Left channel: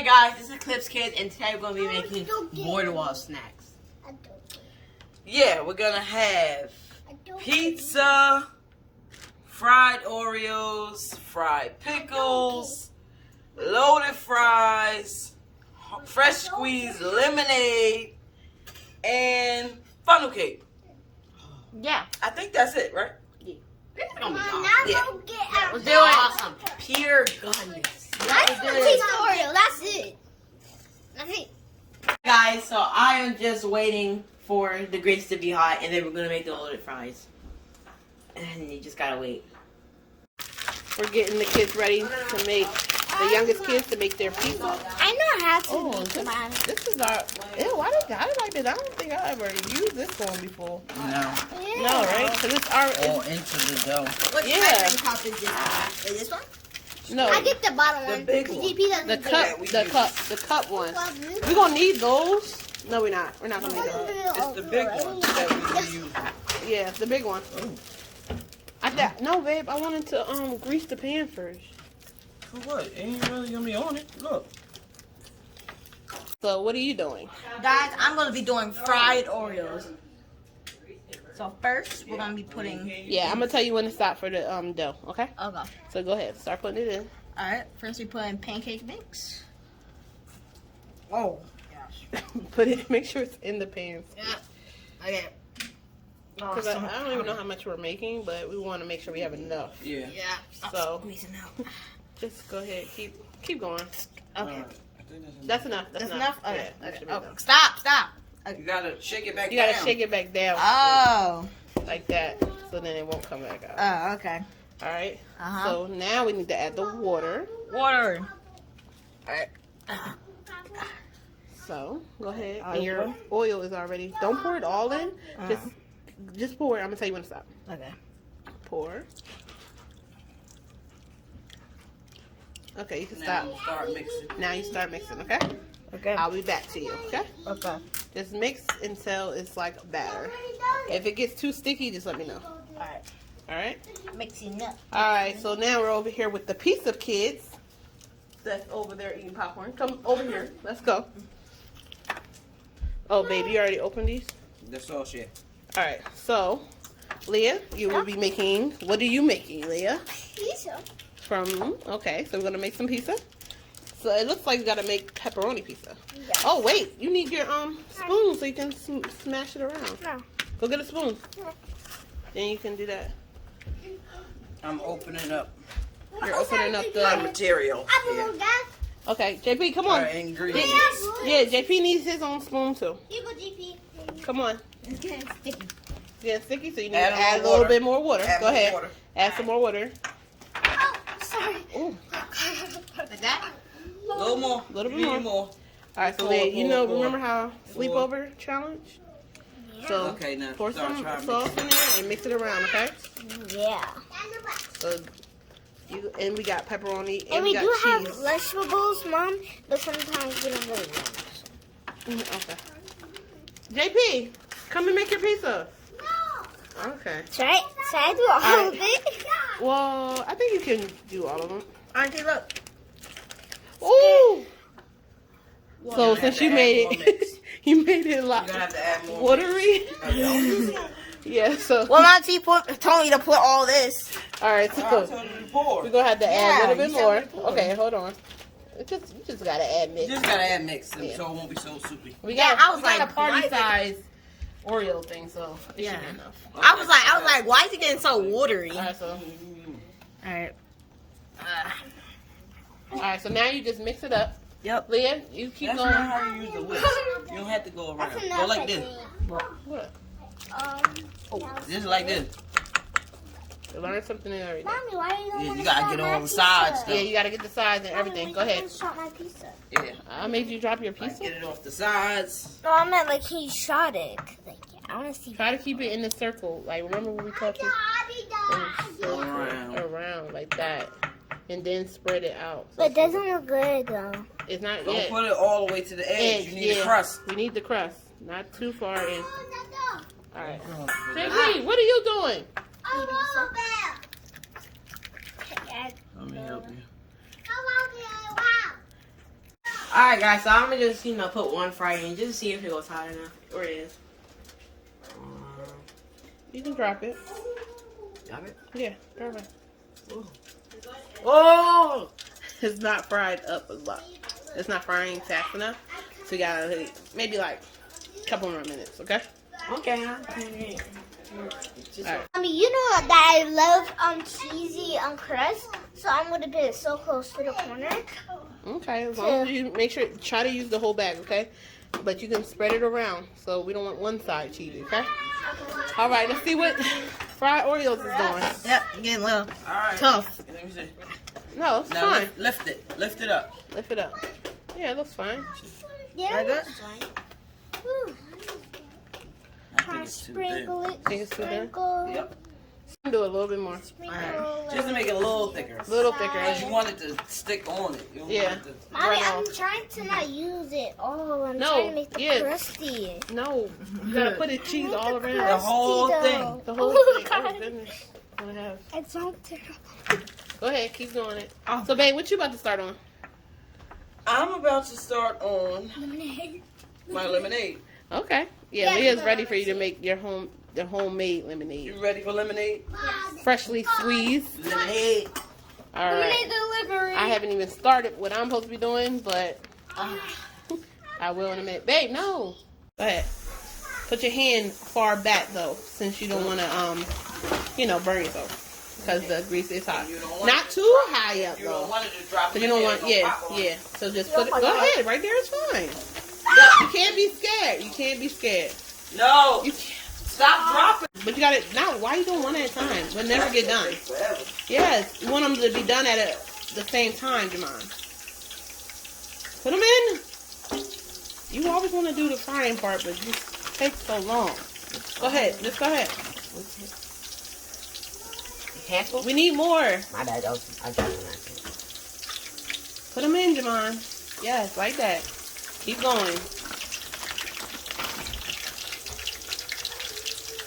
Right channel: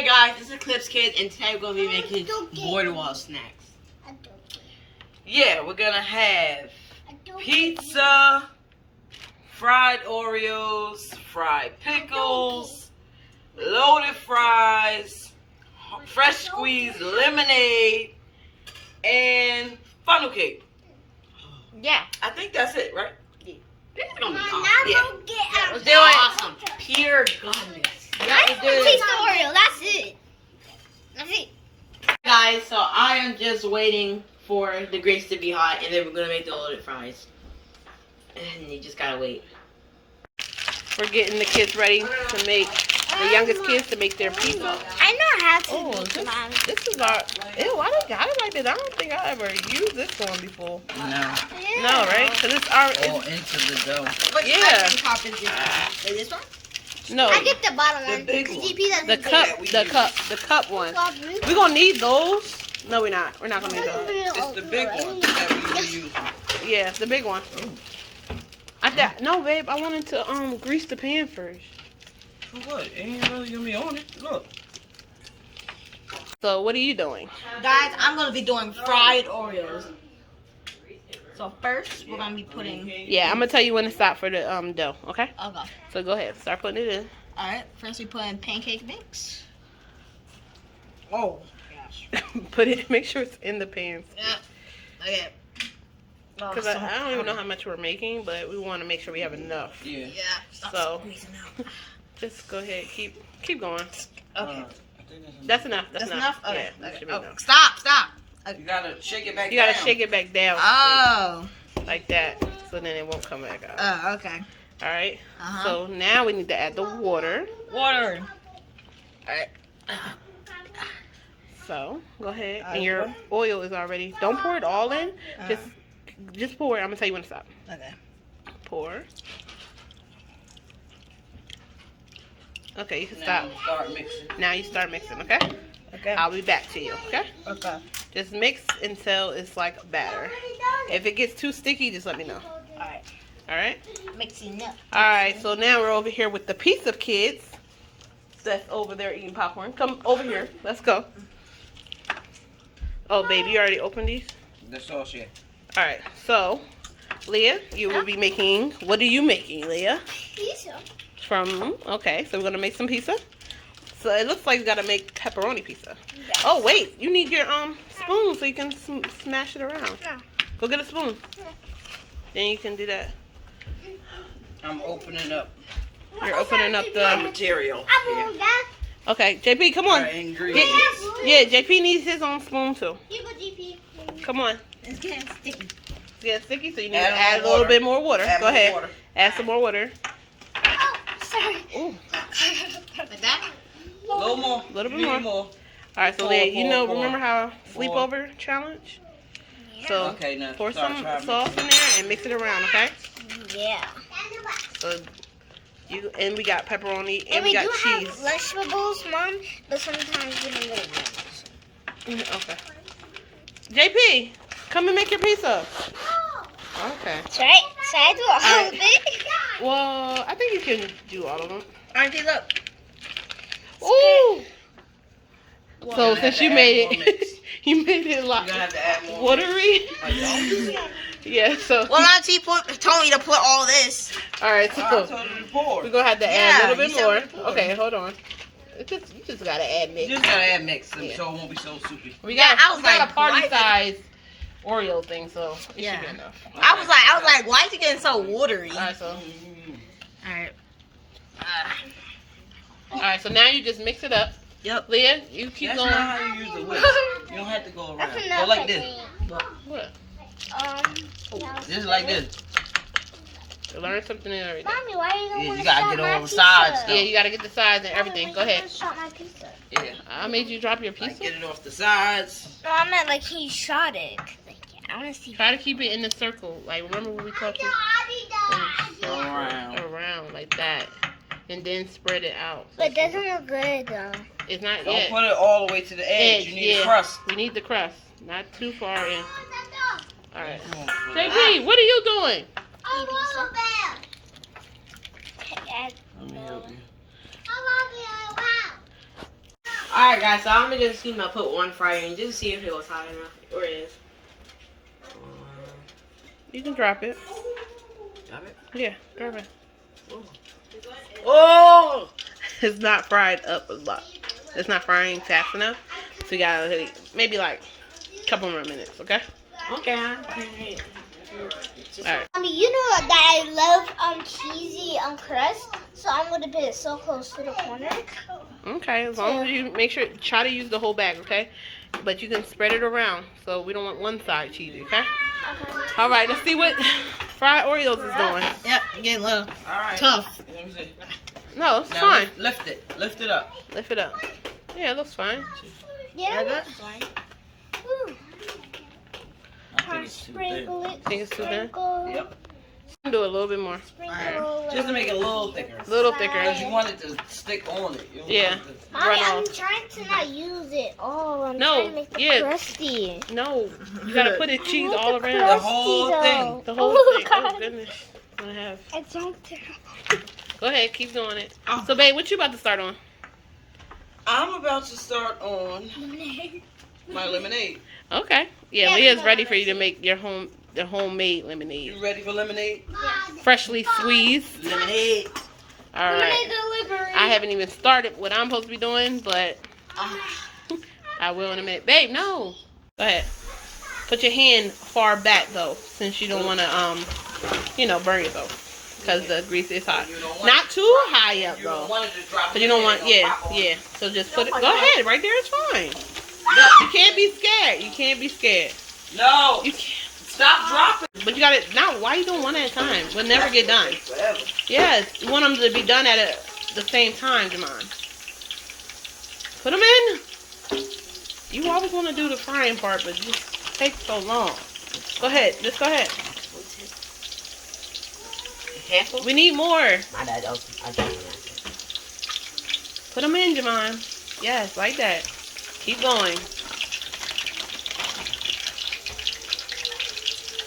Hey guys, this is Eclipse Kidz, and today we're going to be making border wall snacks. Yeah, we're going to have pizza, fried Oreos, fried pickles, loaded fries, fresh squeezed lemonade, and funnel cake. Yeah. I think that's it, right? Yeah. It's going to be awesome. Yeah. Let's do it. Awesome. Pure goodness. I just want to taste the Oreo. That's it. That's it. Guys, so I am just waiting for the grease to be hot, and then we're going to make the loaded fries. And you just got to wait. We're getting the kids ready to make, the youngest kids to make their pizza. I know how to. Oh, this is our, ew, why they got it like this? I don't think I ever used this one before. No. No, right? Because it's our, All into the dough. What Yeah. top is this one? no, I get the bottom one. big one. The the cup one. We're going to need those. No, we're not. We're not going to need those. It's the big one that we use. Yeah, the big one. No, babe, I wanted to grease the pan first. For what? It ain't really going to be on it. Look. So, what are you doing? Guys, I'm going to be doing fried Oreos. So first, we're going to be putting... Yeah, I'm going to tell you when to stop for the dough, okay? Okay. So, go ahead. Start putting it in. Alright, first we put in pancake mix. Oh, gosh. Put it, make sure it's in the pan. Yeah. Okay. Because I don't even know how much we're making, but we want to make sure we have enough. Yeah. Yeah. Stop So, squeezing out. just go ahead. Keep going. Okay. That's enough. That's enough? Okay. Yeah, that should be Oh, enough. stop. You got to shake it back You gotta down. shake it back down. Oh. Like that. So then it won't come back out. Oh, okay. Alright? Uh-huh. So now we need to add the water. Water. Alright. So, go ahead. And your oil is already... Don't pour it all in. Just pour it. I'm gonna tell you when to stop. Okay. Pour. Okay, you can Now stop. you start mixing. Now you start mixing, okay? Okay. I'll be back to you, okay? Okay. Just mix until it's like batter. If it gets too sticky, just let me know. Alright. Alright? Mixing up. Alright, so now we're over here with the Pizza Kids. That's over there eating popcorn. Come over here. Let's go. Oh, baby, you already opened these? The sauce, yeah. Alright, so, Leah, you will be making, what are you making, Leah? Pizza. Okay, so we're going to make some pizza. So it looks like you got to make pepperoni pizza. Yes. Oh, wait, you need your spoon so you can smash it around. Yeah. Go get a spoon. Then you can do that. I'm opening up You're opening up my the... material here. Okay, JP, come on. Our ingredients. Yeah, JP needs his own spoon too. You go, GP. Come on. It's getting sticky. It's getting sticky, so you need Add to more add a little water. bit more water. Add Go more ahead. water. Add some more water. Oh, sorry. Ooh, Like that? A little more. a little bit You need more. All right, so Leah, you know, remember how Pour. sleepover challenge? So Okay, now pour start some trying to sauce in there and mix it around, okay? Yeah. So and we got pepperoni and, And we we got do cheese. have vegetables, Mom, but sometimes we don't get ones. Okay. JP, come and make your pizza. Okay. Should I do all of it? Well, I think you can do all of them. Auntie, look. Ooh. You're So gonna since have you to made add more it, mix. you made it a You're lot going to have to add more. watery. Like, don't do that. Yeah. So. Well, Auntie told me to put all this. All right. I So told you to pour. we're gonna have to add a Yeah, little bit you said more. we pour. Okay, hold on. You just gotta add You mix. just got to add mix so Yeah. it won't be so soupy. We Yeah, got I was we got like, a party why is it- size Oreo thing, so it Yeah. should be enough. I was like, why is it getting so watery? All right, so Alright. so now you just mix it up. Yep. Leah, you keep That's going. not how you use the whisk. You don't have to go around. That's Go enough, like I this. think. What? Just like this. You learned something new every day. Mommy, why are you Yeah, you gotta get all the sides, Yeah, you gotta get the sides and everything. Go ahead. Shot my pizza. Yeah. I made you drop your Like, pizza. get it off the sides. No, I meant like he shot it. Like, I want to see. Try to keep it in the circle. Like remember when we talked around like that, and then spread it out. So But it doesn't look good though. it's not Don't yet. put it all the way to the edge. You need yeah. a crust. We need the crust, not too far in. All right. JP, what are you doing? Let me help you. Alright, guys, so I'm gonna just put one fry in just to see if it goes hot enough. Or it is. You can drop it. Drop it? Yeah, drop it. Oh! It's not fried up a lot. It's not frying fast enough. So you gotta maybe like a couple more minutes, okay? Okay. Alright. You know that I love cheesy crust, so I'm gonna put it so close to the corner. Okay, as long as you make sure, try to use the whole bag, okay? But you can spread it around, so we don't want one side cheesy, okay? Alright, let's see what fried Oreos is doing. Yep, getting a little tough. Let me see. No, it's Now, fine. Lift it. Lift it up. Lift it up. Yeah, it looks fine. Yeah, Like that's that? fine. I think it's too thin. Sprinkle it. Think it's too thin? Sprinkle. Yep. Do a little bit more. Sprinkle. Just to make it a little thicker. A little thicker. Because you want it to stick on it. You don't Yeah. want it to- Mommy, Run I'm off. trying to not use it. Oh, I'm No, trying to make the yeah. crusty. No, you gotta put the cheese all The around. whole thing. The whole Oh, thing. God. Oh, goodness. I'm gonna have. I jumped it. Go ahead, keep doing it. So, babe, what you about to start on? I'm about to start on my lemonade. Okay. Yeah, Yeah, Leah's ready for you to make your homemade You lemonade. ready for lemonade? Freshly squeezed. Lemonade. All right. Delivery. I haven't even started what I'm supposed to be doing, but I will in a minute. Babe, no. Go ahead. Put your hand far back though, since you don't want to, burn yourself, because the grease is hot. Not too high up You don't though, want it to drop. but you don't want. Yeah. So just put it. Go ahead. Right there is fine. You can't be scared. You can't be scared. No. You can't. Stop dropping. But you got it now. Why you doing one at a time? We'll never get done. Forever. Yes, you want them to be done at the same time, Jamon. Put them in. You always want to do the frying part, but it just takes so long. Go ahead. Just go ahead. Handful? We need more. My bad. I Put them in, Jamon. Yes, like that. Keep going.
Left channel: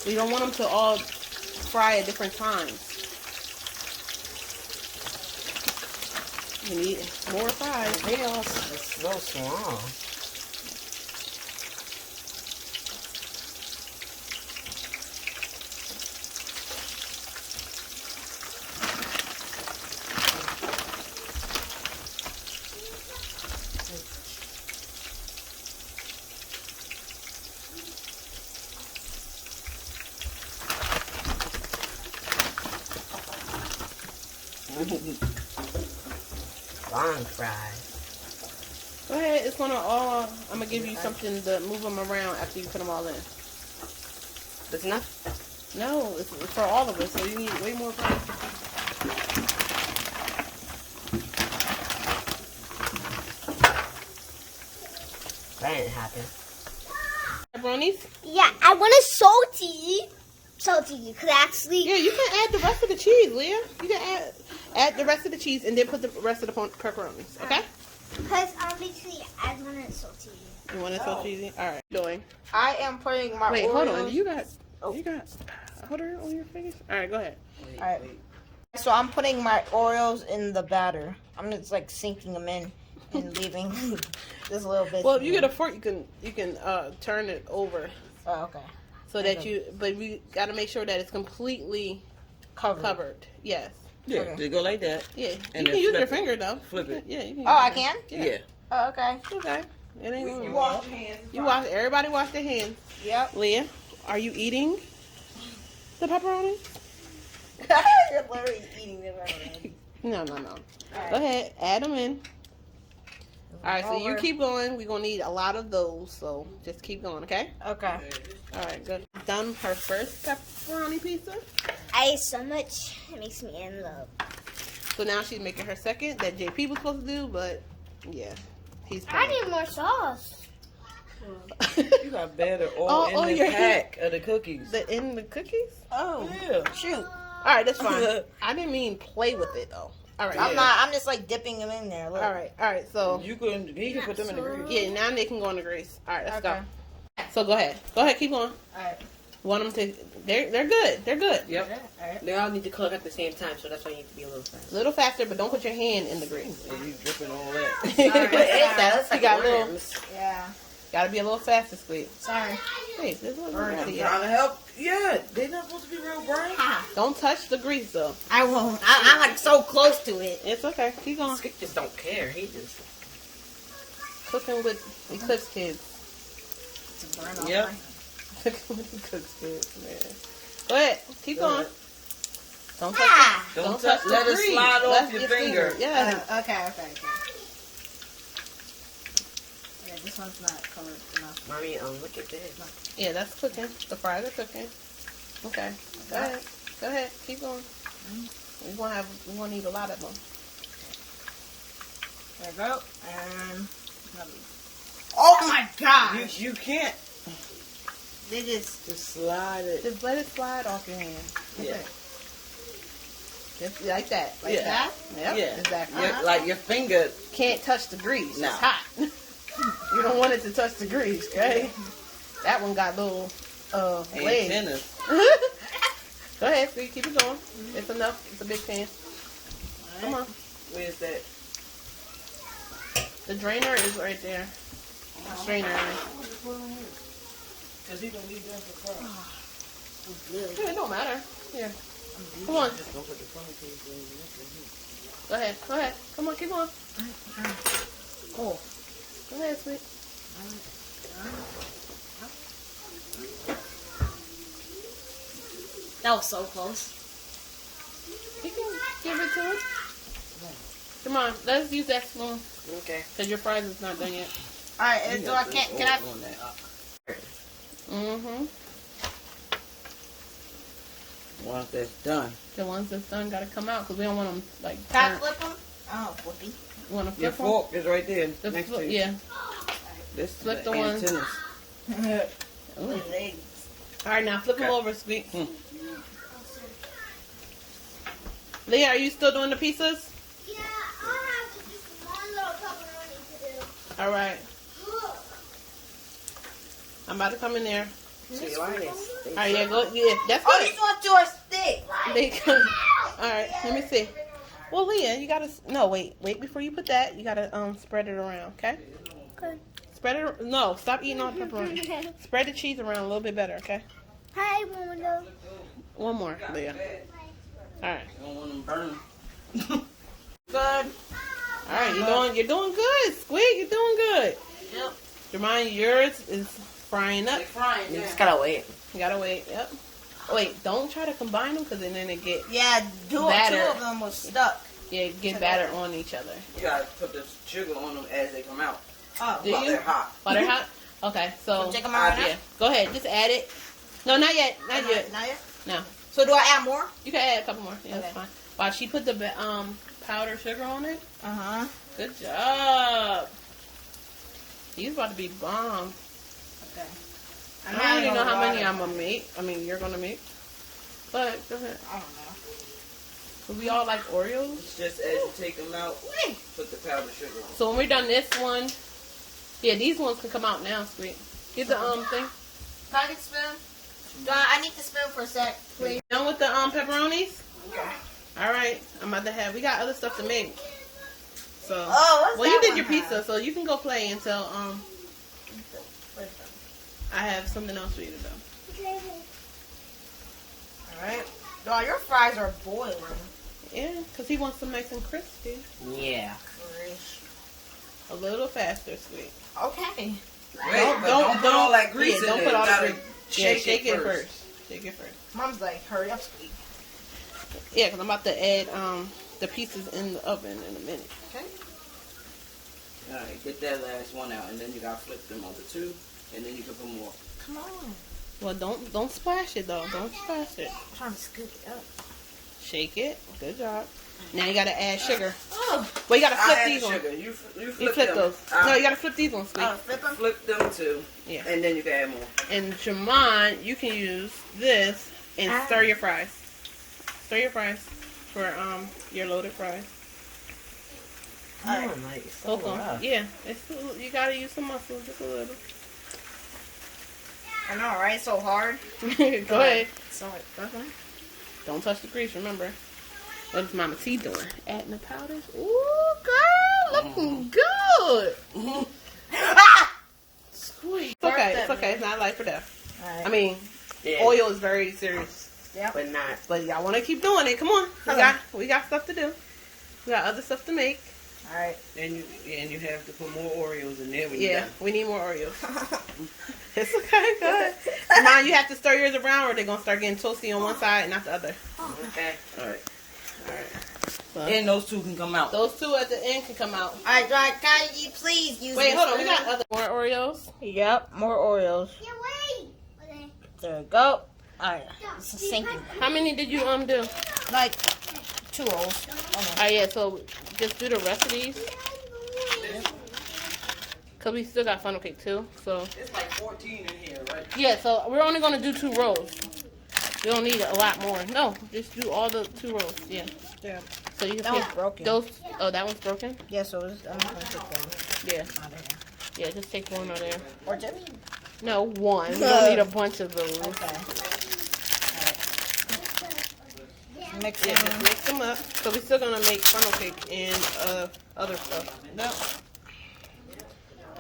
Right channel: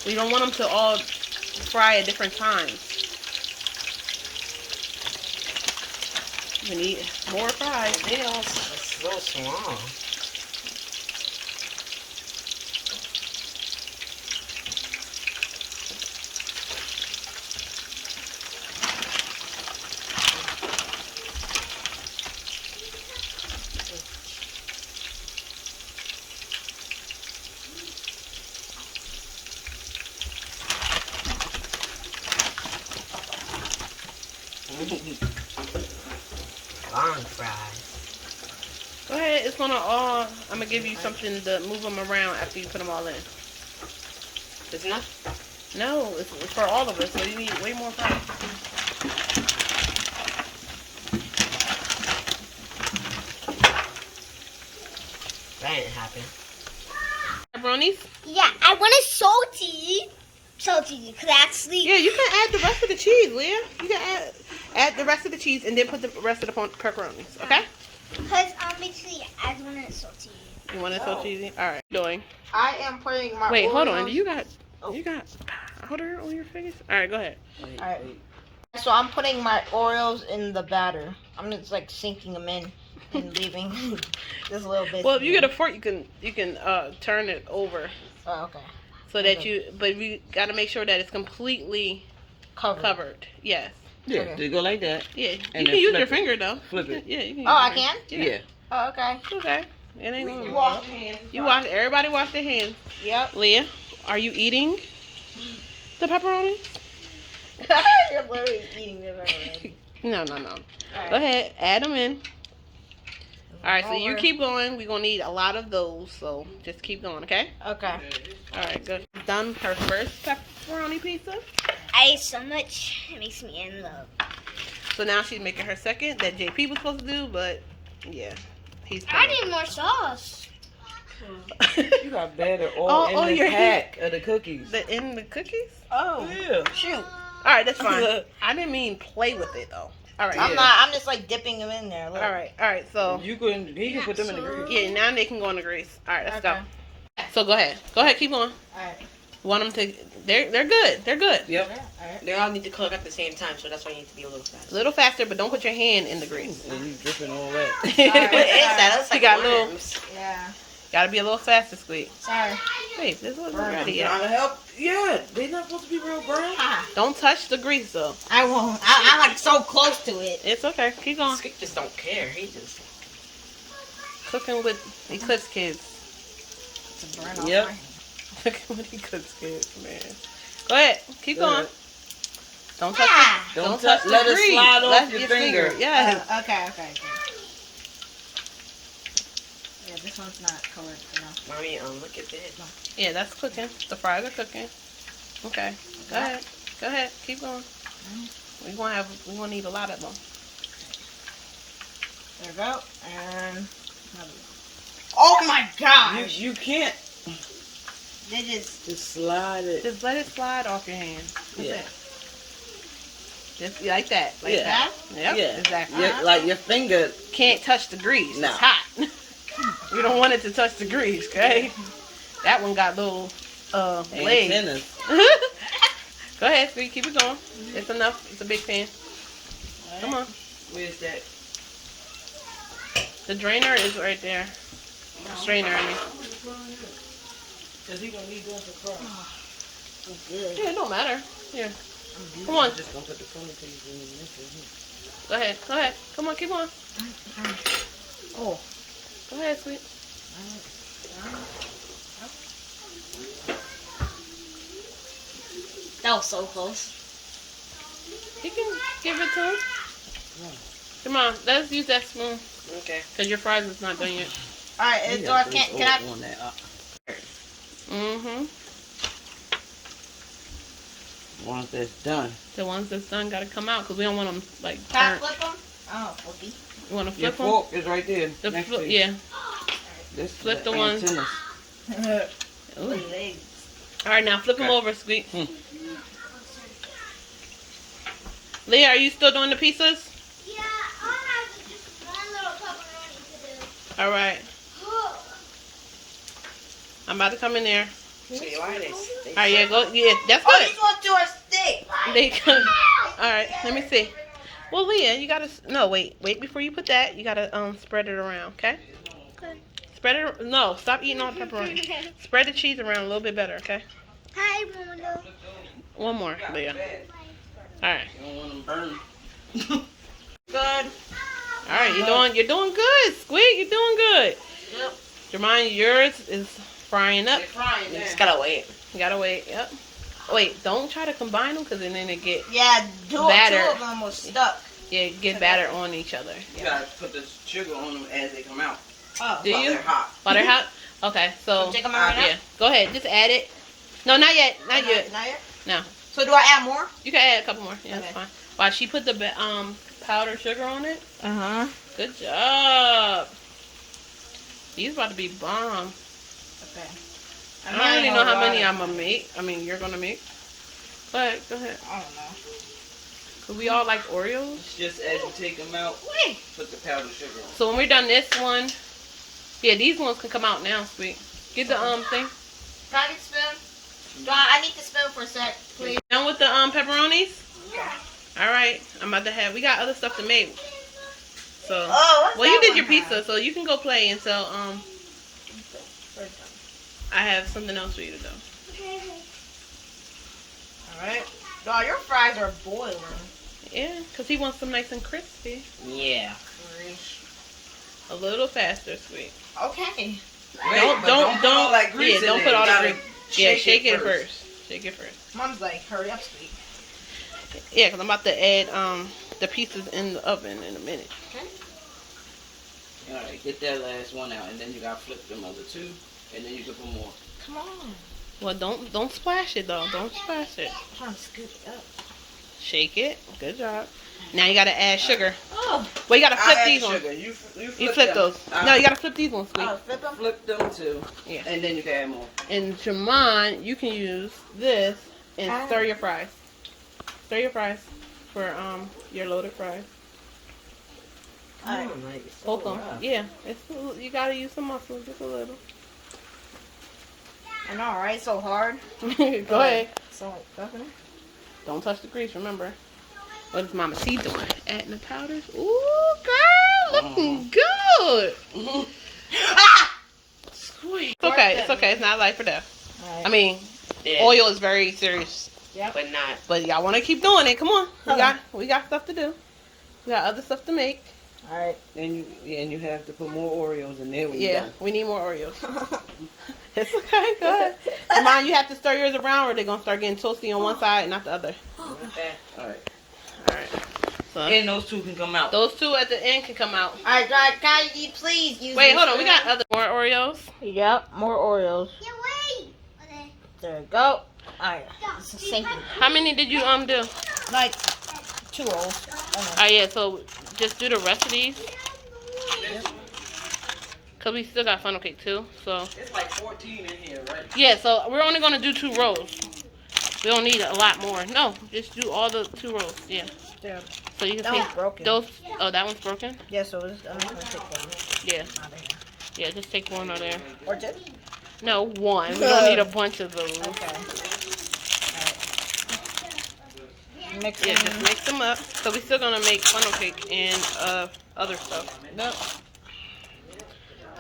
We don't want them to all fry at different times. We need more fries. It's so small. Long fries. Go ahead. It's gonna all. I'm gonna give you something to move them around after you put them all in. That's enough? No, it's for all of us, so you need way more fries. That didn't happen. Pepperonis? Yeah, I want it salty. Salty, because actually, Yeah, you can add the rest of the cheese, Leah. You can add the rest of the cheese and then put the rest of the pepperonis, okay? because basically I want it salty. You want it so cheesy? All right. Doing. I am putting my Wait, hold Oreos- on. You got powder on your face? All right, go ahead. Alright. So I'm putting my Oreos in the batter. I'm just like sinking them in and leaving just a little bit. Well, if you get a fork, you can turn it over Oh, okay. so that but we got to make sure that it's completely covered. Yes. Yeah, Okay. just go like that. Yeah. You And can then use flip your it. finger though. Flip it. Yeah, you can. Oh, use I your can? finger. Yeah. Oh, okay. Okay. It ain't gonna Wash You wash. Everybody wash their hands. Yep. Leah, are you eating the pepperoni? You're literally eating it already. No. Alright. Go ahead. Add them in. All right. So you Over. keep going. We're gonna need a lot of those. So just keep going. Okay. Okay. All right. Good. Done her first pepperoni pizza. I ate so much, it makes me in love. So now she's making her second that JP was supposed to do, but yeah, he's. I need more sauce. You got better all in the pack of the cookies. In the cookies? Oh. Yeah. Shoot. All right, that's fine. I didn't mean play with it though. All right. I'm not. I'm just like dipping them in there. Look. All right. So He can put them in the grease. yeah, now they can go in the grease. All right, let's Okay. go. So go ahead. Keep going. Alright. Want them to? They're good. They're good. Yep. They all need to cook at the same time, so that's why you need to be a little fast. A little faster, but don't put your hand in the grease. And you dripping all wet. What is that? That's You like got worms. Yeah. Gotta be a little faster, Squeak. Sorry. Wait, this wasn't ready Trying yet. to help. Yeah, they not supposed to be real brown. Don't touch the grease though. I won't. I'm like so close to it. It's okay. Keep going. Skip just don't care. He just. Cooking with Eclipse Kidz. It's a burn off Yep. my hand. Cooking with Eclipse Kidz, man. Go ahead. Keep Go going. ahead. Don't touch. Don't touch the let it grease. slide off Let your finger. Yeah. Okay. Yeah, this one's not colored enough. Mommy, look at this. Yeah, that's cooking. The fries are cooking. Okay. Go ahead. Go ahead. Keep going. We're gonna need a lot of them. There we go. And oh my gosh! You can't They just just slide it. Just let it slide off your hand. Yeah. Just like that. Like Yeah. that. Yep. Yeah. Exactly. Like your finger. Can't touch the grease. No. It's hot. We don't want it to touch the grease, okay? That one got little legs. Antennas. Go ahead, Squeak. Keep it going. It's enough. It's a big pan. Come on. Where's that? The drainer is right there. Strainer, I mean. Cause he gonna need that for fries. good. Yeah, it don't matter. Here. Come on. Just gonna put the corn piece in this. Go ahead. Go ahead. Come on, keep on. Oh. Go ahead, Sweet. That was so close. You can give it to him. Come on, let's use that spoon. Okay. Because your fries is not done yet. Alright, so I can't. Can I? Mm-hmm. Once that's done. The ones that's done got to come out because we don't want them like Can I burnt. flip them? Oh, flippy. You want to Your flip them? fork is right there. The next flip, to you. yeah. This Flip is the ones. antennas. Ooh. Legs. All right, now flip them Okay. over, Squeak. Leah, are you still doing the pizzas? Yeah, I have just one little pepperoni to do. All right. I'm about to come in there. See, why they All right, yeah, go. Yeah, that's Oh, good. these ones to our stick. They come. All right, let me see. Well, Leah, you gotta. No, wait before you put that. You gotta spread it around, okay? Okay. Spread it. No, stop eating all the pepperoni. Spread the cheese around a little bit better, okay? Hi, Mono. One more, Leah. All right. You don't want them burned. Good. All right, you're doing good, Squeak. You're doing good. Yep. Jermaine, yours is frying up. They're frying You now. just gotta wait. You gotta wait. Yep. Wait, don't try to combine them because then it get Yeah, two Batter. of them was stuck. get batter on each other. You gotta put the sugar on them as they come out. Oh. Do While you? they're hot. While they're hot. Okay, so Take them out. yeah, go ahead. Just add it. No, not yet. Not yet. Not yet. No. So do I add more? You can add a couple more. Yeah, Okay. that's fine. While she put the powdered sugar on it. Uh-huh. Good job. These about to be bomb. Okay. I don't really know how many I'm gonna make. I mean, you're gonna make. But go ahead. I don't know. Cause we all like Oreos. It's just as you take them out, put the powdered sugar on. So when we're done this one, yeah, these ones can come out now, Sweet. Get the thing. Can I get a spoon? I need the spoon for a sec, please. Done with the pepperonis? Okay. All right, I'm about to have. We got other stuff to make. So, Oh, what's well, you that did one your pizza, have? so you can go play until I have something else for you to do. All right. Oh, your fries are boiling. Yeah, cause he wants them nice and crispy. Yeah. A little faster, Sweet. Okay. Don't put all that grease in don't there. put all You the gotta grease. Yeah, shake it first. Shake it first. Mom's like, hurry up, sweet. Yeah, cause I'm about to add the pieces in the oven in a minute. Okay. Alright, get that last one out, and then you gotta flip them over too, and then you can put more. Come on. Well, don't splash it though. Don't splash it. I'm trying to scoop it up. Shake it. Good job. Now you gotta add sugar. Oh. Well, you gotta I'll flip add these the ones. sugar. You You flip them. those. No, you gotta flip these ones, Sweet. Oh, flip them? Flip them too. Yeah. And then you can add more. And Jamon, you can use this and stir your fries. Stir your fries for your loaded fries. Oh, nice. Both of them. Yeah. You gotta use some muscle, just a little. I know, right? So hard. Go ahead. So like fucking. Don't touch the grease, remember. What is Mama T doing? Adding the powders. Ooh, girl, looking good. Sweet. It's okay. It's okay. It's not life or death. Alright. I mean, Yeah. oil is very serious. But not. But y'all want to keep doing it. Come on. We got stuff to do. We got other stuff to make. Alright. And you have to put more Oreos in there when Yeah, you're done. we need more Oreos. It's okay. Go ahead. Remind you have to stir yours around or they're going to start getting toasty on one side and not the other. Okay. Alright. All right. So, And those two can come out. those two at the end can come out. Alright, can you please use Wait, this hold on. We one? got other more Oreos. Yep, more Oreos. Yeah, wait. There we go. Alright, this is sinking. How many did you do? Like 2 rolls. Oh yeah, so just do the rest of these. Cause we still got funnel cake too. So It's like 14 in here, right? yeah, so we're only gonna do 2 rows. We don't need a lot more. No, just do all the 2 rows. Yeah. Yeah. So you can That take one's broken. those. Oh, that one's broken. Yeah, so I'm just gonna take one Yeah. out of here. Yeah, just take one out there. Or 2? No, one. We don't need a bunch of those. Okay. Alright. Mix Yeah, them. just mix them up. So we still gonna make funnel cake and other stuff. Yep.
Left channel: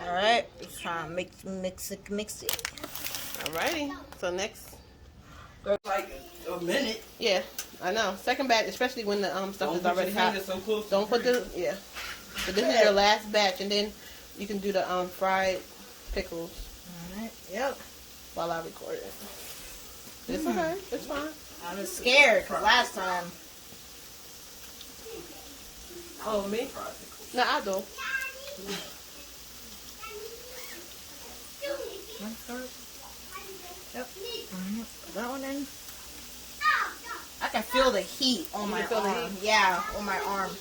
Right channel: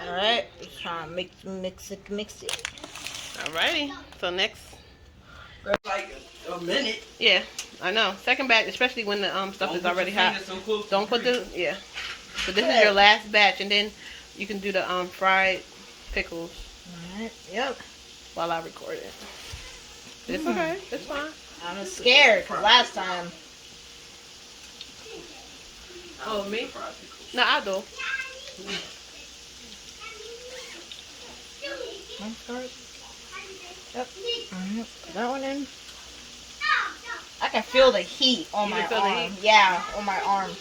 Alright, just trying to mix it. Alrighty. So next. Like a minute. Yeah, I know. Second batch, especially when the stuff is already hot. Don't put the So this is your last batch, and then you can do the fried pickles Alright, yep. while I record it. It's okay. It's fine. I'm scared because last time. Oh, me? No, I do. Yep. That one in. I can feel the heat on You my can feel the arm. heat? Yeah, on my arm.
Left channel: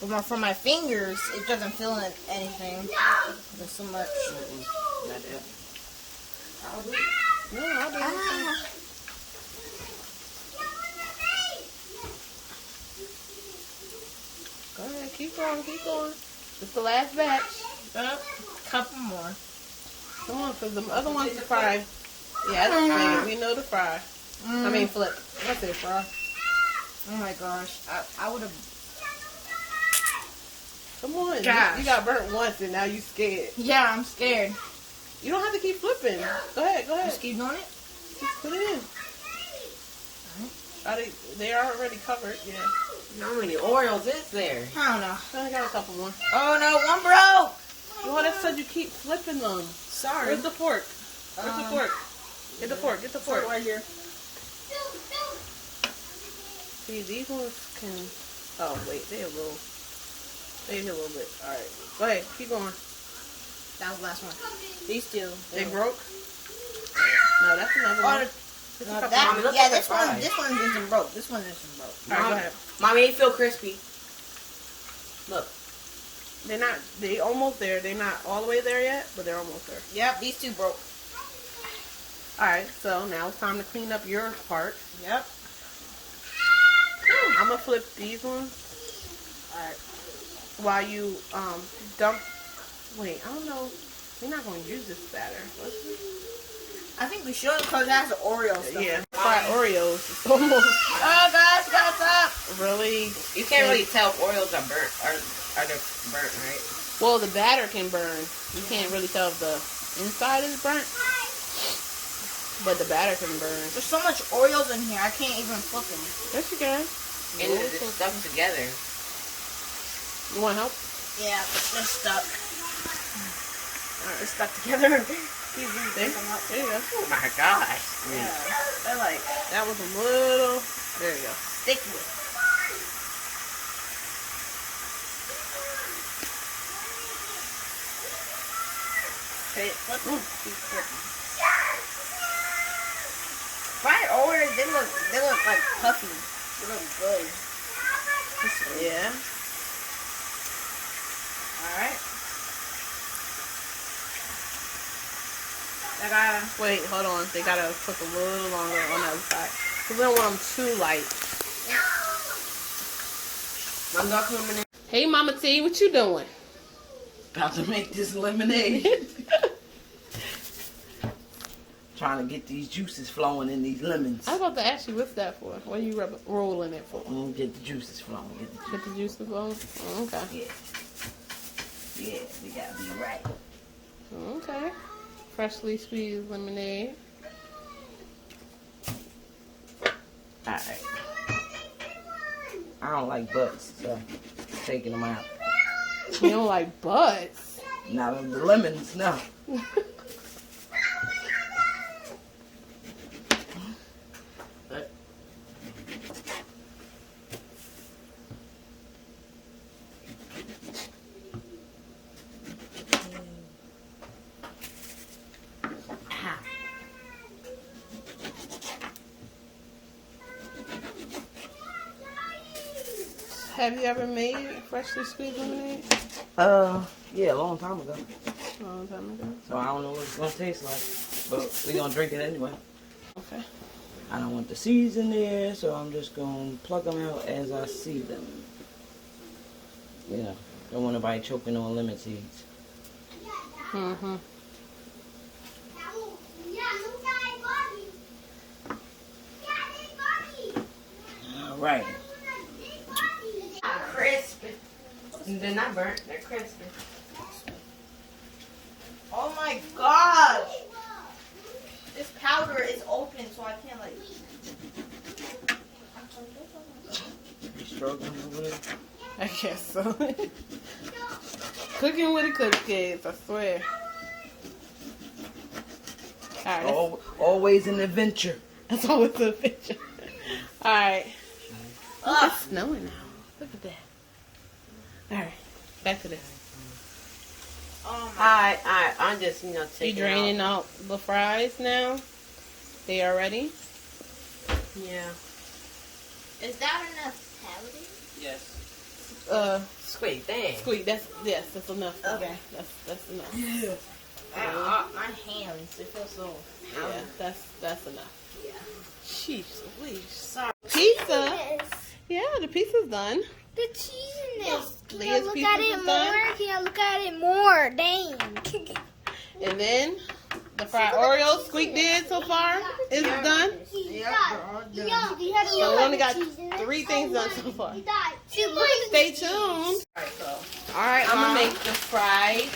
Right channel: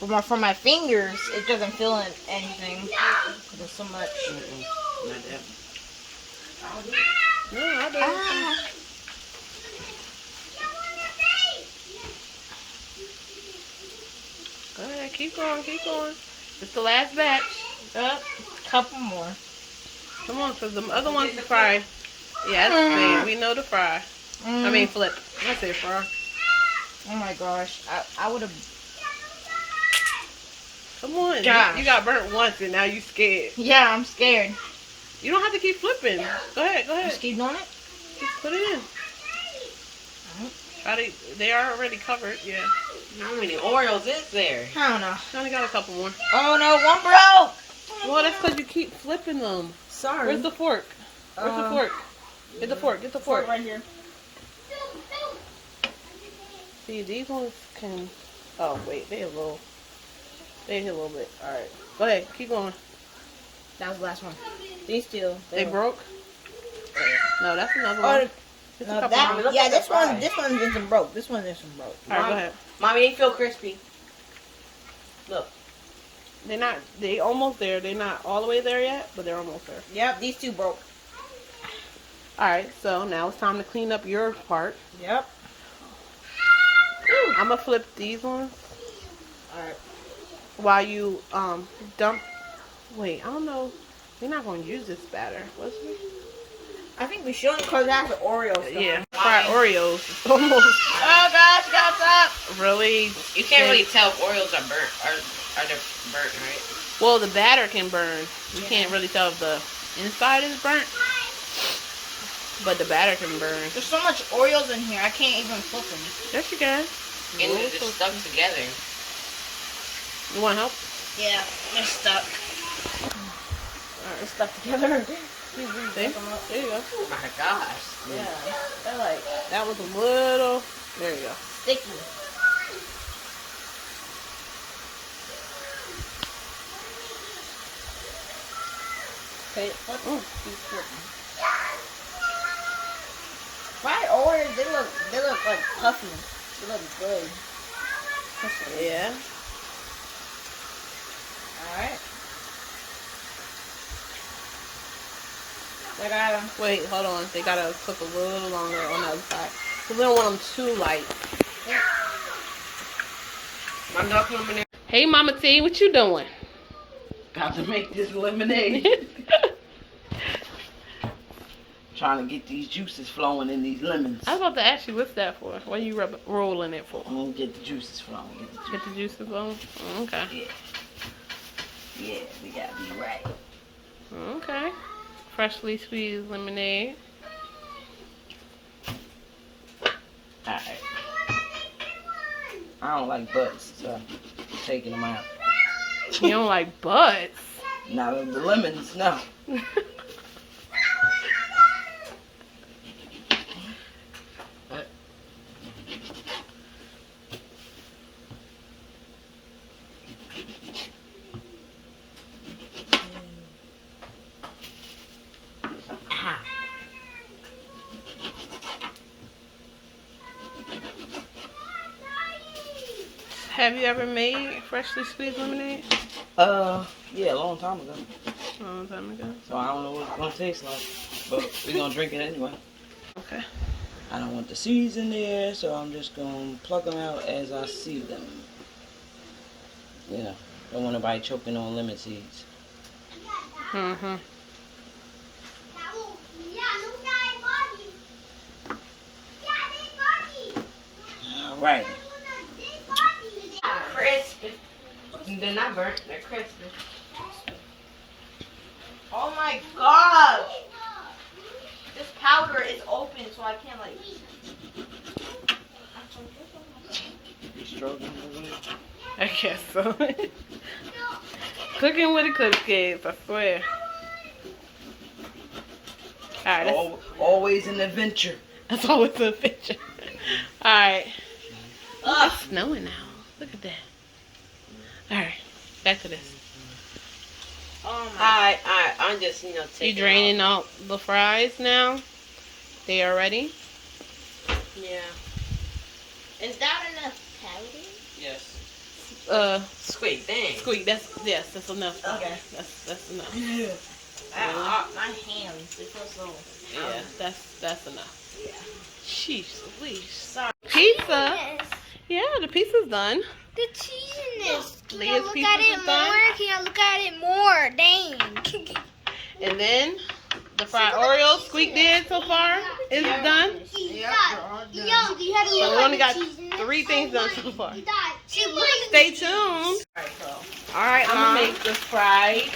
But from my fingers, it doesn't feel anything. There's so much. Not that. No, I do. Go ahead. Keep going. Keep going. It's the last batch. Yep. Couple more. Come on, because the other one's the fry. Yeah, that's the same. We know the fry. I mean, flip. I say fry. Oh my gosh. I would have. Come on. Gosh. You got burnt once and now you scared. Yeah, I'm scared. You don't have to keep flipping. Go ahead. Go ahead. Just keep doing it. Just put it in. They are already covered. Yeah. How many Oreos is there? I don't know. I only got a couple more. Oh no, one broke. Well, that's because you keep flipping them. Sorry. Where's the fork? Where's the fork? Get the fork. Get the fork. right here. See, these ones can. Oh wait, they're a little. They're a little bit. All right. Go ahead. Keep going. That was the last one. These two. They broke. No, that's another Oh, one. Just a no, couple that, more. Look yeah, at the this one fry. isn't broke. This one isn't broke. All right, go ahead. Mommy, they feel crispy. Look. They're not. They almost there. They're not all the way there yet, but they're almost there. Yep, these two broke. All right. So now it's time to clean up your part. Yep. I'm gonna flip these ones Alright. while you dump. Wait, I don't know. You're not gonna use this batter, was you? I think we should because it has the Oreo stuff. Yeah. Fried Oreos. It's almost. Oh gosh, you got that. Really? You can't really tell if Oreos are burnt. Are they burnt, right? Well, the batter can burn. You can't really tell if the inside is burnt, but the batter can burn. There's so much Oreos in here, I can't even flip them. Yes, you can. And they're just stuck together. You want help? Yeah, they're stuck. Alright. They're stuck together. See? There you go. Oh my gosh. Yeah, they're like That was a little. There you go. sticky. Okay, flip them. Fried Oreos, they look like puffy. They look good. Yeah. Alright. I gotta. Wait, hold on. They gotta cook a little longer on the other side. So we don't want them too light. I'm not lemonade. Hey, Mama T, what you doing? About to make this lemonade. Trying to get these juices flowing in these lemons. I was about to ask you, what's that for? What are you rolling it for? I'm gonna get the juices flowing. Get the juices flowing? Oh, okay. Yeah, we gotta be right. Okay. Freshly squeezed lemonade. Alright. I don't like butts, so taking them out. You don't like butts? Not of the lemons, no. Have you ever made freshly squeezed lemonade? Yeah, a long time ago. A long time ago. So I don't know what it's gonna taste like, but we're gonna drink it anyway. Okay. I don't want the seeds in there, so I'm just gonna pluck them out as I see them. Yeah, don't want nobody choking on lemon seeds. Mm-hmm. All right. Crispy. They're not burnt. They're crispy. Oh my gosh! This powder is open, so I can't like. You struggling over there? I guess so. Cooking with Eclipse Kidz, I swear. Alright, Always an adventure. that's always a picture. Alright. It's snowing now. Look at that. Alright, back to this. I'm just, You taking draining out the fries now? They are ready? Yeah. Is that enough powder? Yes. Squeak, dang. Squeak, that's enough. Okay. That's enough. Yeah. My hands, they feel so. Yeah, that's enough. Yeah. Sheesh, please. Sorry. Pizza. Yes. Yeah, the pizza's done. The cheese in this. Can I Leah's look pizza at is it done. more? Can I look at it more? Dang. And then the fried Oreos Squeak did so far is done. Yep, they're all done. Yo, you had to So look we at only the got cheese in this. 3 things done so far. Stay Stay tuned. Alright, so. Alright, I'm Mom. gonna make the fried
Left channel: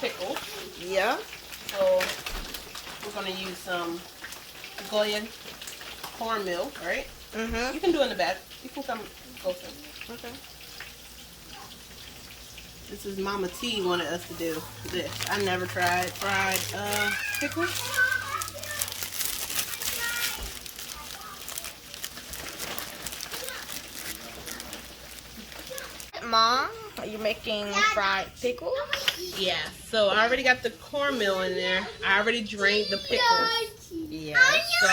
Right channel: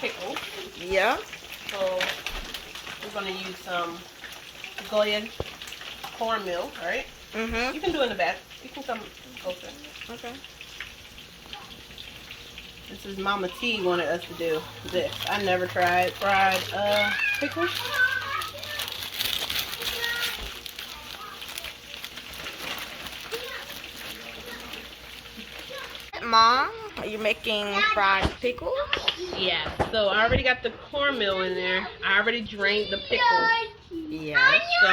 pickles. Yeah. So we're gonna use some Goya cornmeal, right? Mm-hmm. You can do it in the back. You can come closer. Okay. This is Mama T wanted us to do this. I never tried fried pickles. Mom, are you making fried pickles? Yeah. So I already got the cornmeal in there. I already drained the pickles. Yes. So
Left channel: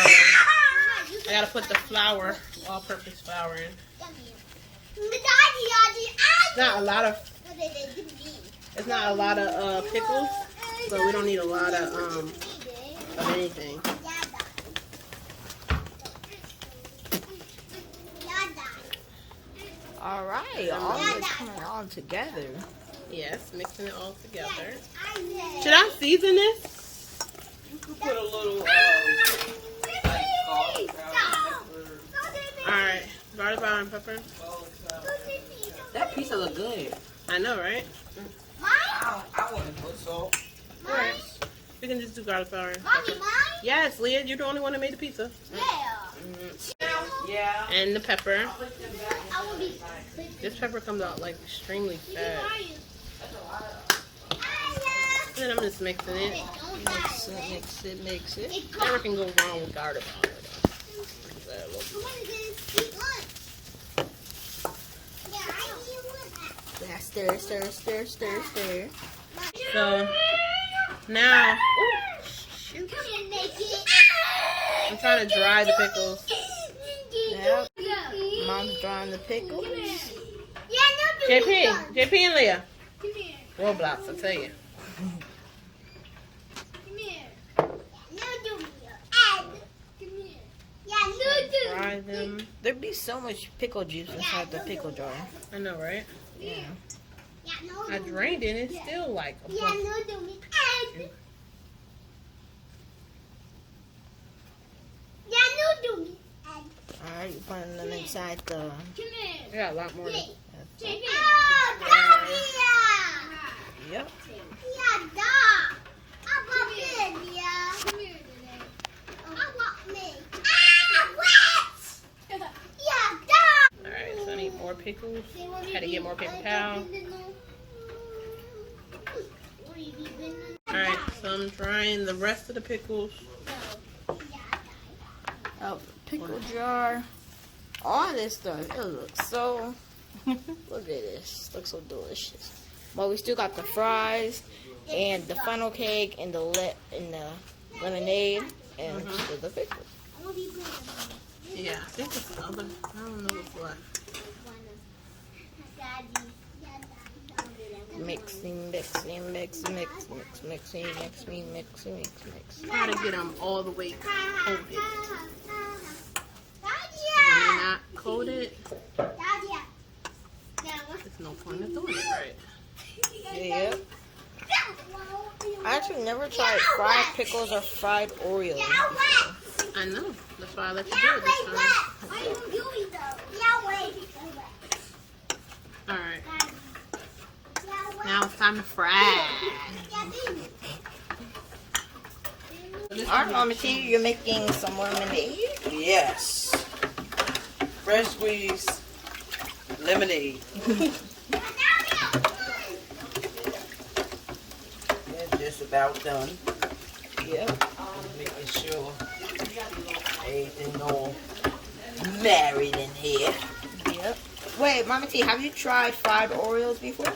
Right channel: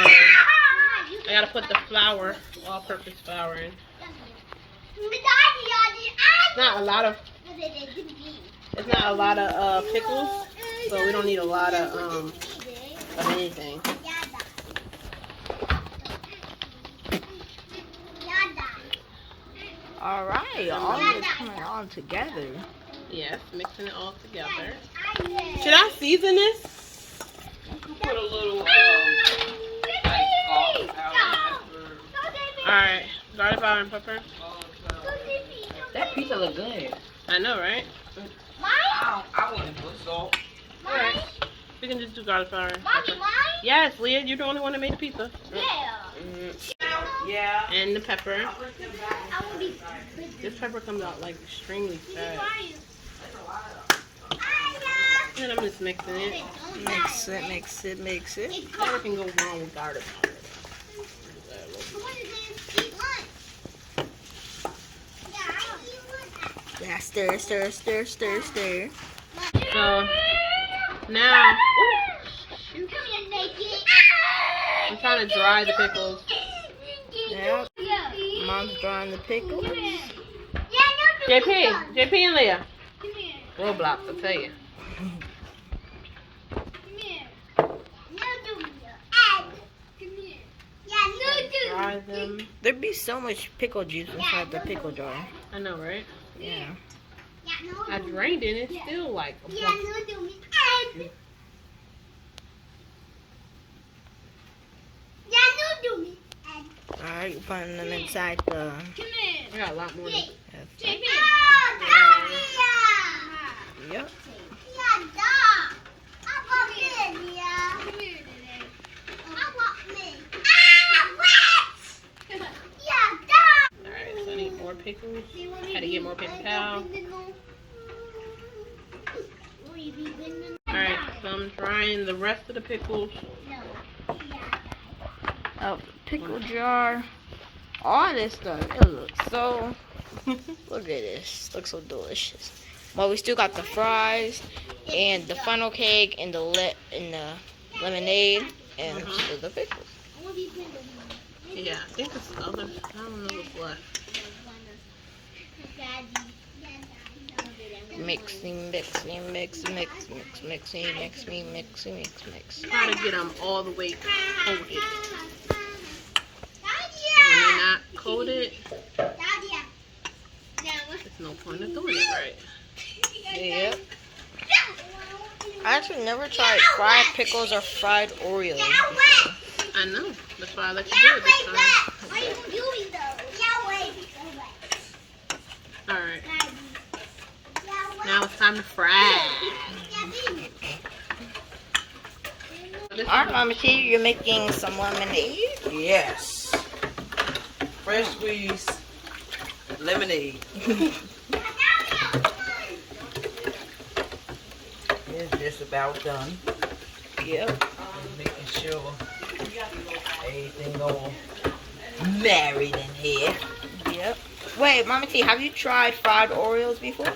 I gotta put the flour, all-purpose flour in. It's not a lot of pickles, so we don't need a lot of anything. All right, all is coming all together. Yes, mixing it all together. Should I season this? Put a little Alright, garlic powder and pepper. That pizza look good. I know, right? I want to put salt. Alright. We can just do garlic powder and pepper. Mommy, mine? Yes, Leah, you're the only one that made the pizza. Yeah. Yeah. And the pepper. I will be. This pepper comes out like extremely fast. And then I'm just mixing it. Mix it, mix it, mix it. Never can go wrong with garlic powder. Yeah, stir, stir, stir, stir, stir. So now I'm trying to dry the pickles. Yep. Mom's drying the pickles. JP and Leah. Roblox, I'll tell you. Dry them. There'd be so much pickle juice inside the pickle jar. I know, right? Yeah. I drained it and it's still like a bunch. Alright, you putting them inside the... I got a lot more. Yep. Alright, so I need more pickles. Had to get more paper towel. Alright, so I'm drying the rest of the pickles. Oh, pickle jar. All this stuff. It looks so... Look at this. Looks so delicious. Well, we still got the fries and the funnel cake and the lemonade and still the pickles. Yeah, I think it's other. I don't know what's left. Mixing. Try to get them all the way coated. When they're not coated, there's no point in doing it right. Yep. I actually never tried fried pickles or fried Oreos before. I know. That's why I let you do it this time. Alright. Now it's time to fry. Alright, Mama T, you're making some lemonade? Yes. Fresh squeezed lemonade. It's just about done. Yep. Making sure everything all married in here. Yep. Wait, Mama T, have you tried fried Oreos before?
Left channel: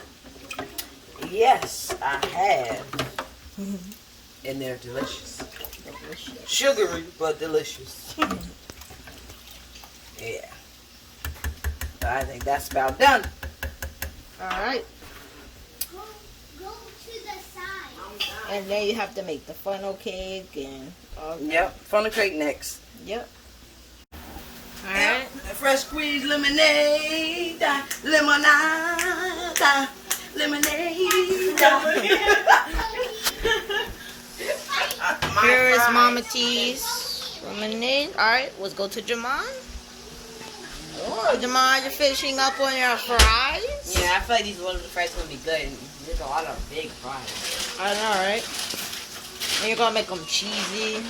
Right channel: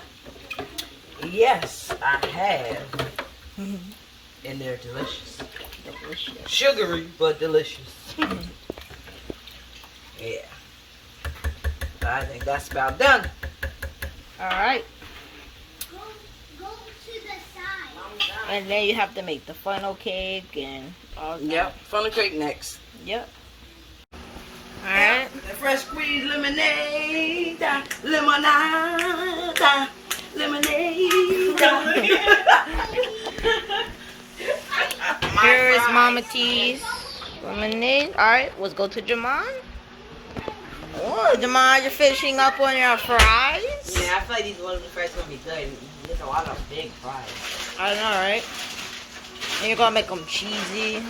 Yes, I have. And they're delicious. Sugary, but delicious. Yeah. So I think that's about done. Alright. And then you have to make the funnel cake and all that. Yep. Funnel cake next. Yep. Alright. The fresh squeezed lemonade. Lemonade. Here is Mama T's lemonade. Alright, let's go to Jamon. Oh, Jamon, you're finishing up on your fries? Yeah, I feel like these little fries are gonna be good. There's a lot of big fries. I know, right? And you're gonna make them cheesy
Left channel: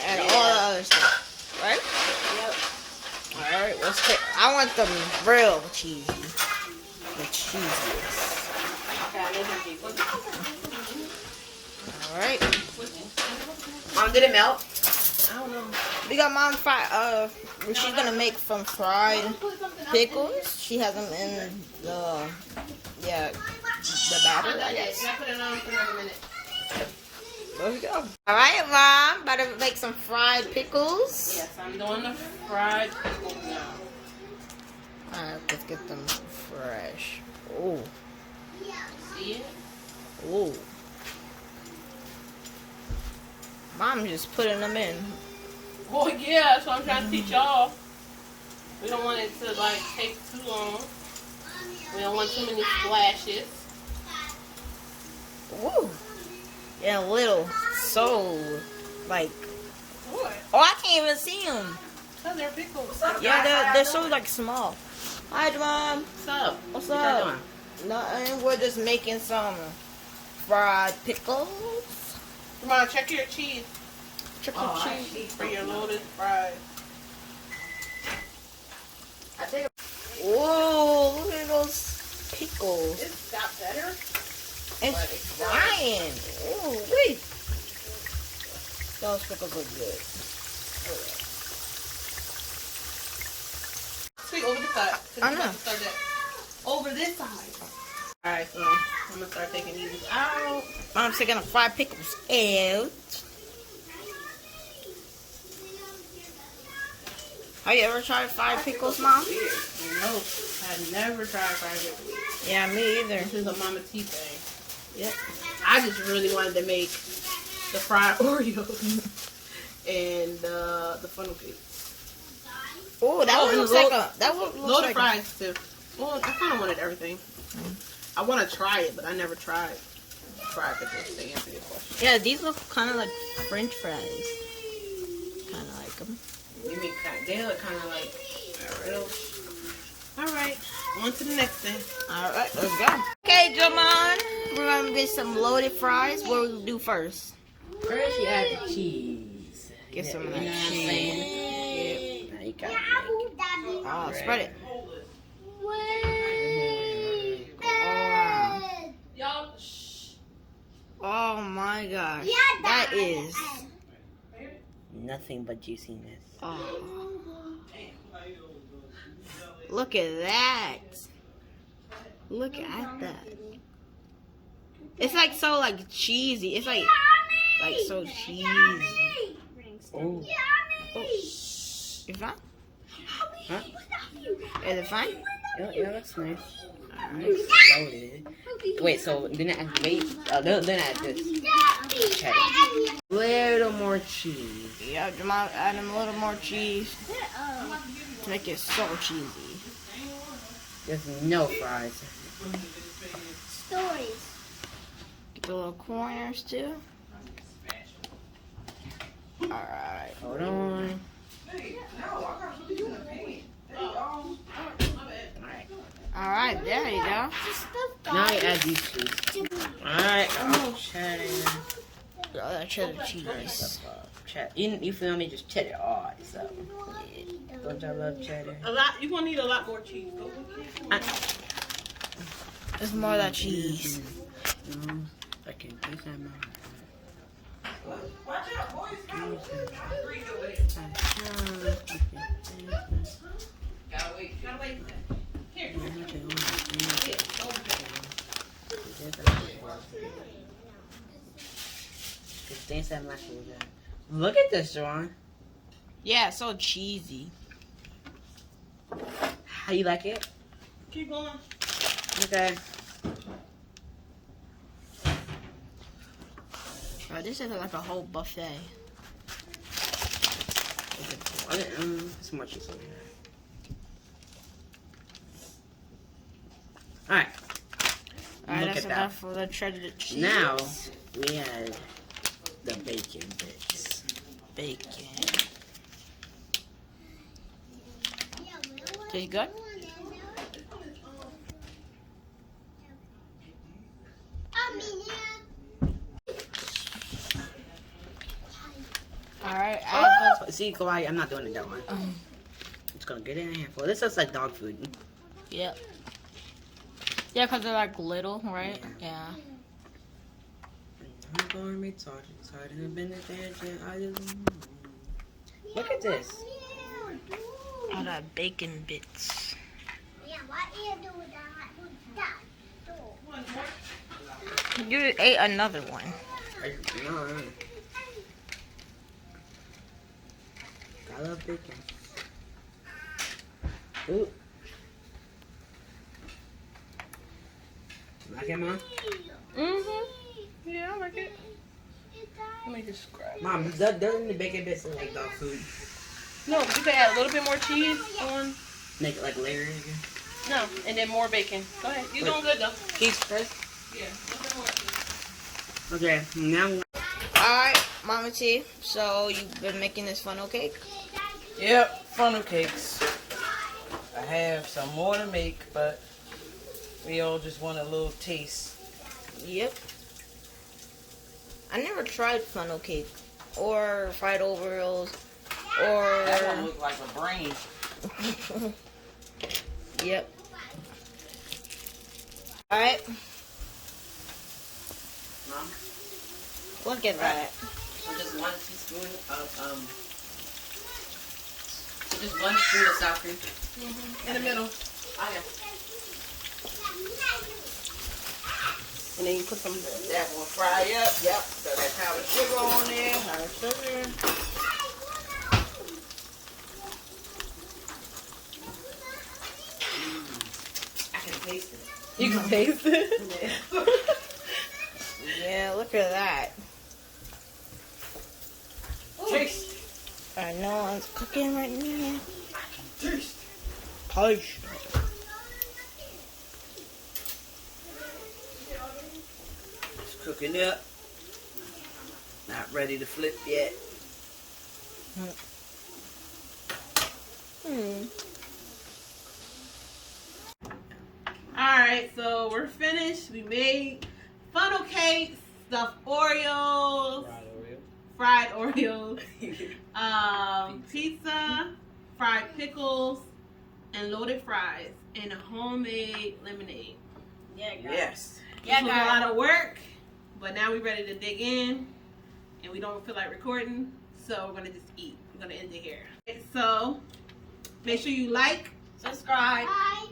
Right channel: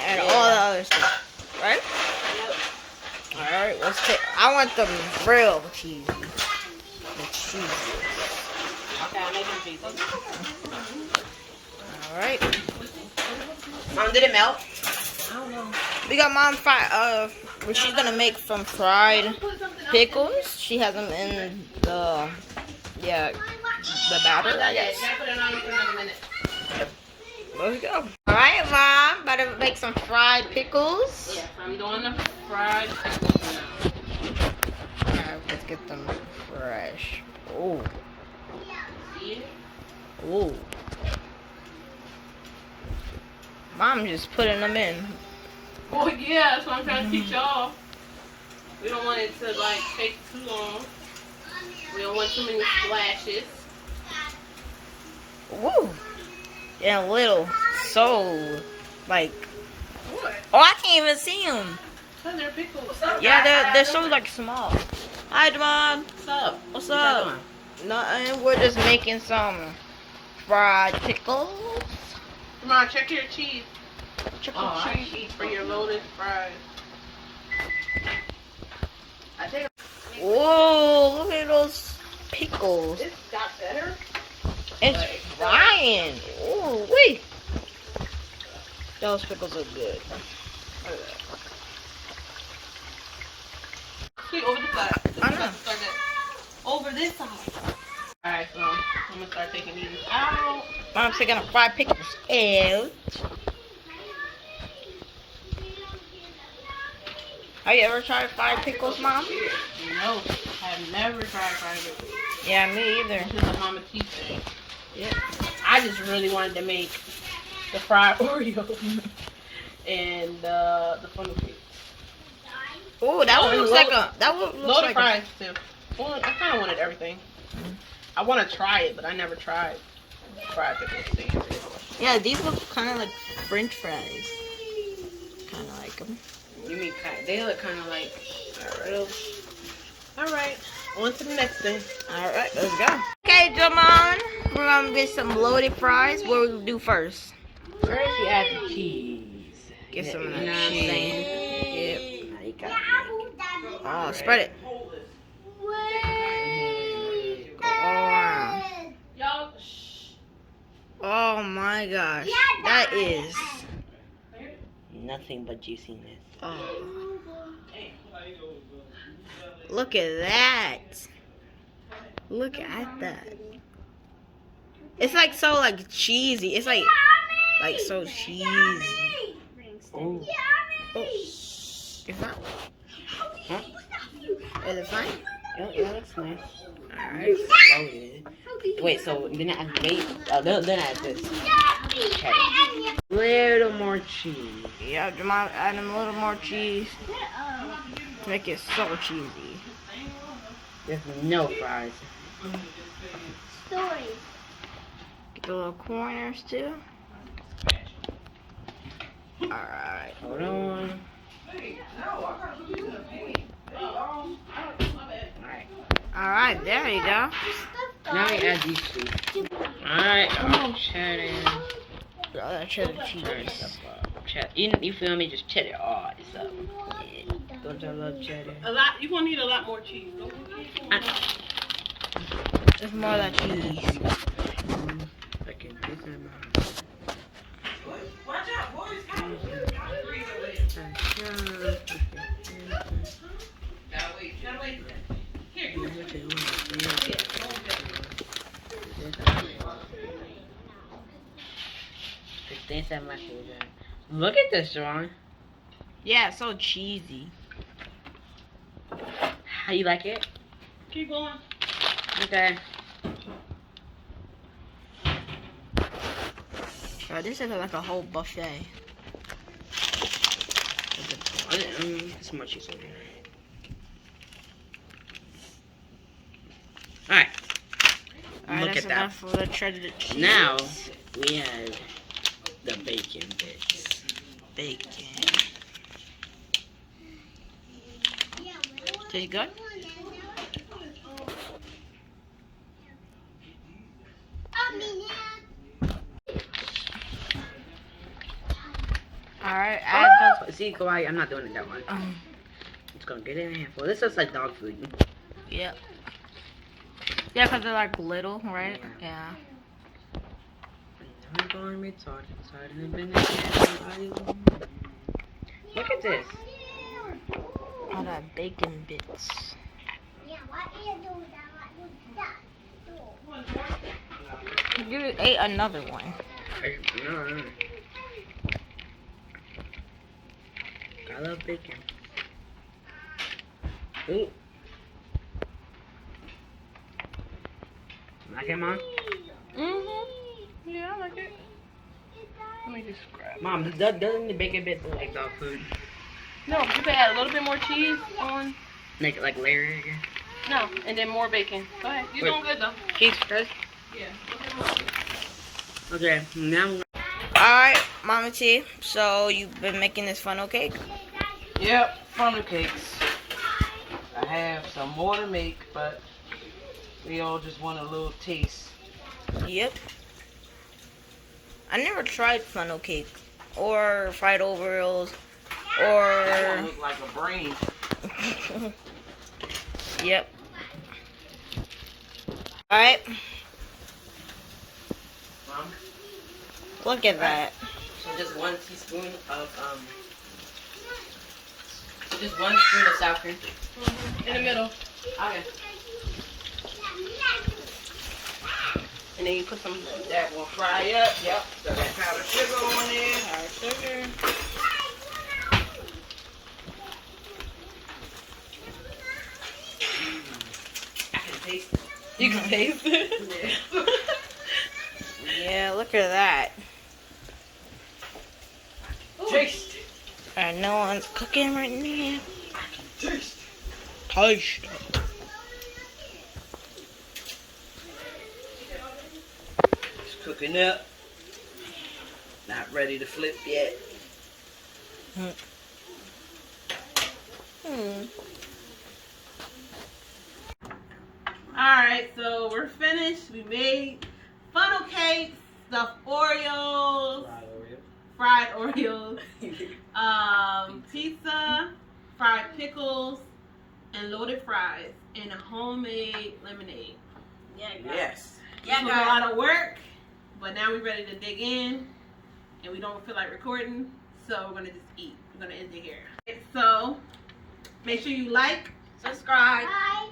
and all the other stuff, right? Yep. Alright, let's take. I want them real cheesy. The cheesiest. Okay, I'm making pizza. Alright. Mom, did it melt? I don't know. We got Mom fried. She's gonna make some fried pickles. She has them in the the batter, I guess. Can I put it on for another minute? Let's go. Alright, Mom. About to make some fried pickles. Yes, I'm doing the fried pickles now. Alright, let's get them fresh. Oh. See it? Oh. Mom just putting them in. Well, yeah, that's what I'm trying to teach y'all. We don't want it to, like, take too long. We don't want too many splashes. Woo. Yeah, little. So, like. What? Oh, I can't even see them. Oh, they're pickles. Yeah, they're so, like, small. Hi, Demond. What's up? What's What up? y'all doing? Nothing. We're just making some fried pickles. Come on, check your cheese. Check Oh, the I cheese. eat for your loaded fries. I think Whoa, look at those pickles. It's got better. It's frying. Ooh, wait. Those pickles are good. Sweet, over the side. I know. About to start that. Over this side. Alright, so I'm gonna start taking these out. Mom's taking a fried pickles out. Have you ever tried fried pickles, Mom? No, I've never tried fried pickles. Yeah, me either. This is a Mama T thing. Yep. I just really wanted to make the fried Oreos and the funnel cake. Oh, that one looks like a. Loaded like fries too. Well, I kind of wanted everything. I want to try it, but I never tried fried pickles. To answer your question. Yeah, these look kind of like French fries. Kind of like them. You mean they look kind of like. All right, on to the next thing. All right, let's go. Okay, Jamon, we're gonna get some loaded fries. What do we do first? First, you add the cheese. Get some of You that know what I'm cheese. saying? Yep. Now you got Oh, spread it. Go all around. Oh my gosh, that is. nothing but juiciness. Oh. Look at that. Look at that. It's like so like cheesy. It's like so cheesy. Oh. Oh. Is that? Huh? Is it fine? Yeah, that's nice. Alright. Loaded. Wait, so then I add then I add this. Cheddar. Little more cheese. Yeah, Jamal add a little more cheese. To make it so cheesy. There's no fries. Stories. Get the little corners too. Alright. Hold on. Alright, there you go. Now we add these two. Alright, oh, cheddar. Oh, that cheddar cheese. Cheddar. You feel me? Just cheddar all this up. Yeah. Don't y'all love cheddar? A lot. You're gonna need a lot more cheese. There's more of that cheese. I can do some. Watch out, boys. Gotta wait. Here. Look at this, John. Yeah, it's so cheesy. How you like it? Keep going. Okay. Bro, this is like a whole buffet. It's more cheese over here. Alright. Alright, Look that's at that. enough for the shredded cheese. Now we have the bacon bits. Bacon. Tastes good? Alright, add those. See, Kawhi, I'm not doing it that way. It's gonna get in a handful. This looks like dog food. Yep. Yeah, because they're like little, right? Yeah. Look at this. All that bacon bits. You ate another one. No. I love bacon. Ooh. Like it, Mom? Yeah, I like it. Let me just grab. Mom, doesn't the bacon bits look like dog food? No, you can add a little bit more cheese on. Make it like layer again? No, and then more bacon. Go ahead. You're doing good though. Cheese first? Yeah. Okay, now. Alright, Mama T. So you've been making this funnel cake? Yep, funnel cakes. I have some more to make, but we all just want a little taste. Yep. I never tried funnel cake or fried Oreos That or. one look like a brain. Yep. Alright. Mom? Look at that. So just 1 teaspoon of, so just 1 spoon of sour cream. In the middle. Okay. And then you put some. That will fry up. Yep. So that powdered sugar on there. Powdered sugar. I can taste it. You can taste it. Yeah, look at that. Taste. And no one's cooking right now. Taste. Taste. It's cooking up. Not ready to flip yet. Alright, so we're finished. We made funnel cakes, stuffed Oreos, fried Oreos, pizza, fried pickles, and loaded fries, and a homemade lemonade. Yeah, guys. Yes. This was a lot of work, but now we're ready to dig in, and we don't feel like recording, so we're gonna just eat. We're gonna end it here. So make sure you like, Subscribe. Bye.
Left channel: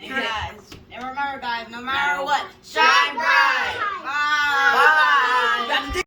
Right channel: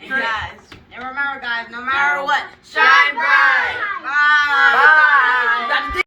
And Right. guys, and remember guys, no matter what, shine bright. Bye. Bye. Bye.